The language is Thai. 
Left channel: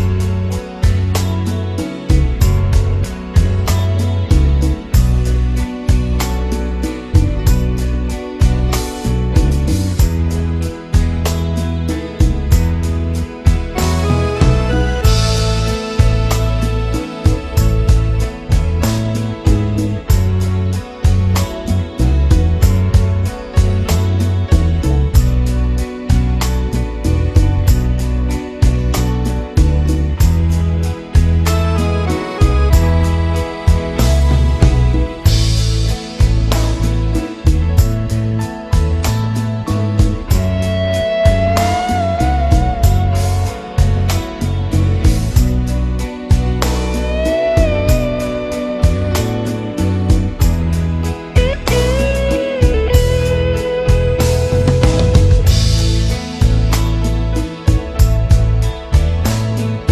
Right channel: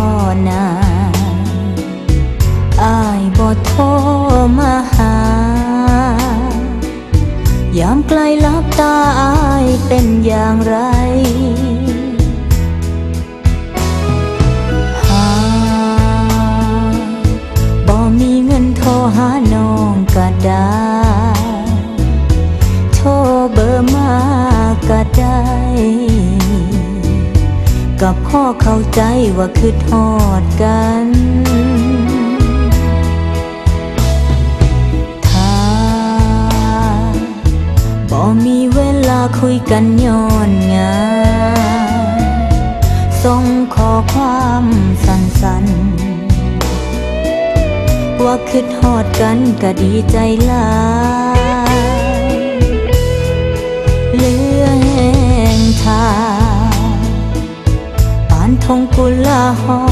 านบ่ได้พอหนาอายาง